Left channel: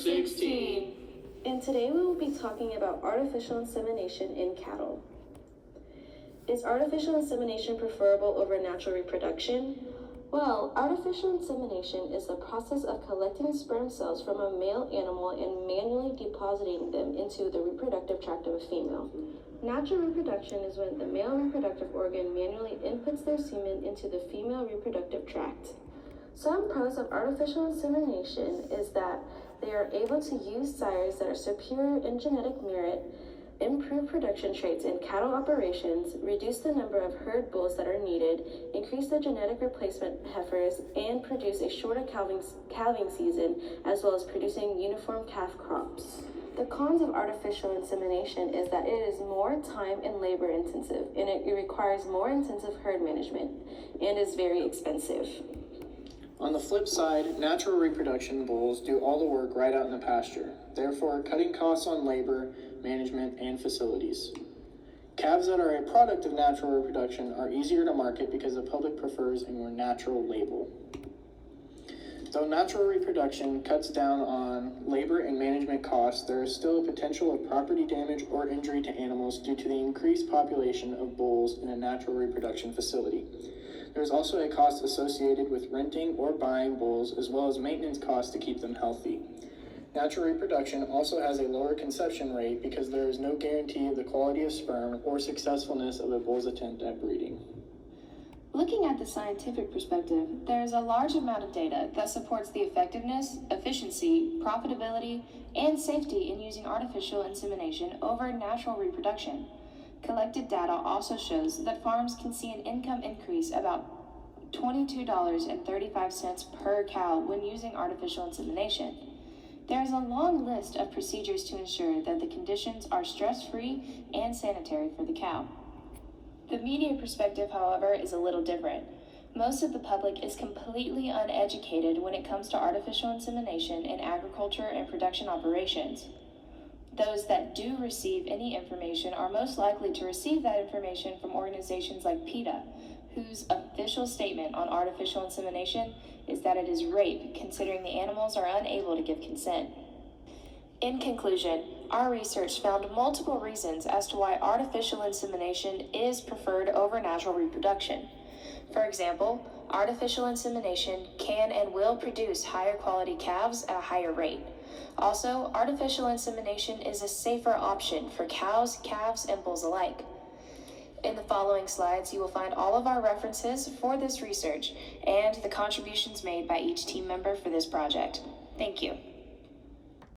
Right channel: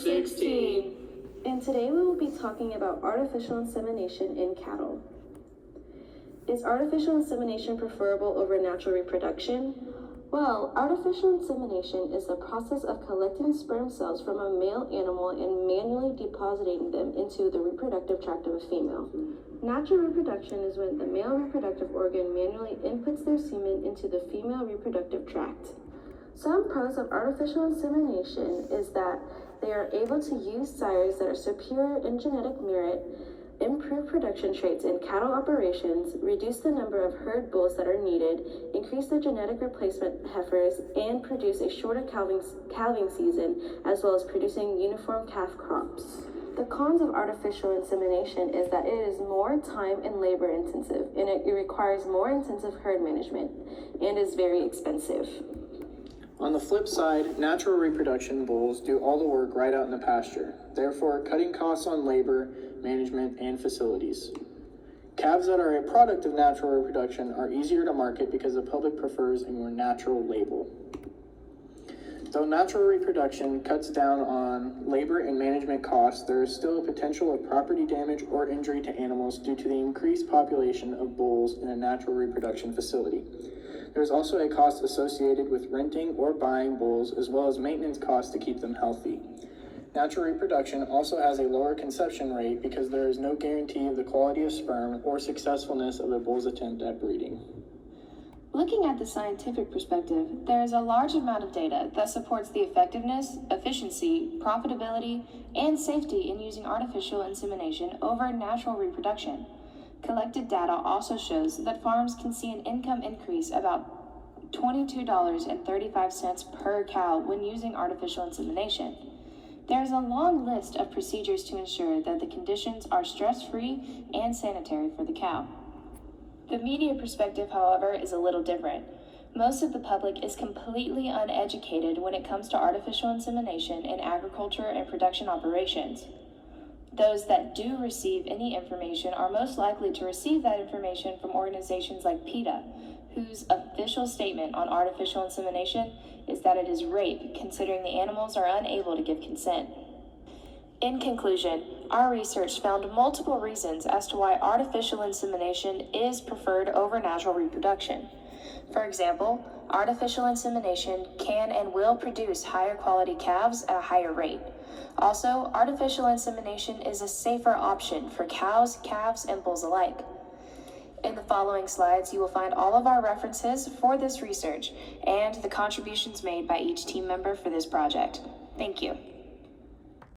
16. And today we will be talking about artificial insemination in cattle. Is artificial insemination preferable over natural reproduction? Well, artificial insemination is the process of collecting sperm cells from a male animal and manually depositing them into the reproductive tract of a female. Natural reproduction is when the male reproductive organ manually inputs their semen into the female reproductive tract. Some pros of artificial insemination is that they are able to use sires that are superior in genetic merit, improve production traits in cattle operations, reduce the number of herd bulls that are needed, increase the genetic replacement heifers, and produce a shorter calving season, as well as producing uniform calf crops. The cons of artificial insemination is that it is more time and labor intensive, and it requires more intensive herd management, and is very expensive. On the flip side, natural reproduction bulls do all the work right out in the pasture, therefore cutting costs on labor, management, and facilities. Calves that are a product of natural reproduction are easier to market because the public prefers a more natural label. Though natural reproduction cuts down on labor and management costs, there is still a potential of property damage or injury to animals due to the increased population of bulls in a natural reproduction facility. There is also a cost associated with renting or buying bulls, as well as maintenance costs to keep them healthy. Natural reproduction also has a lower conception rate because there is no guarantee of the quality of sperm or successfulness of a bull's attempt at breeding. Looking at the scientific perspective, there is a large amount of data that supports the effectiveness, efficiency, profitability, and safety in using artificial insemination over natural reproduction. Collected data also shows that farms can see an income increase about $22.35 per cow when using artificial insemination. There is a long list of procedures to ensure that the conditions are stress-free and sanitary for the cow. The media perspective, however, is a little different. Most of the public is completely uneducated when it comes to artificial insemination in agriculture and production operations. Those that do receive any information are most likely to receive that information from organizations like PETA, whose official statement on artificial insemination is that it is rape, considering the animals are unable to give consent. In conclusion, our research found multiple reasons as to why artificial insemination is preferred over natural reproduction. For example, artificial insemination can and will produce higher quality calves at a higher rate. Also, artificial insemination is a safer option for cows, calves, and bulls alike. In the following slides, you will find all of our references for this research and the contributions made by each team member for this project. Thank you.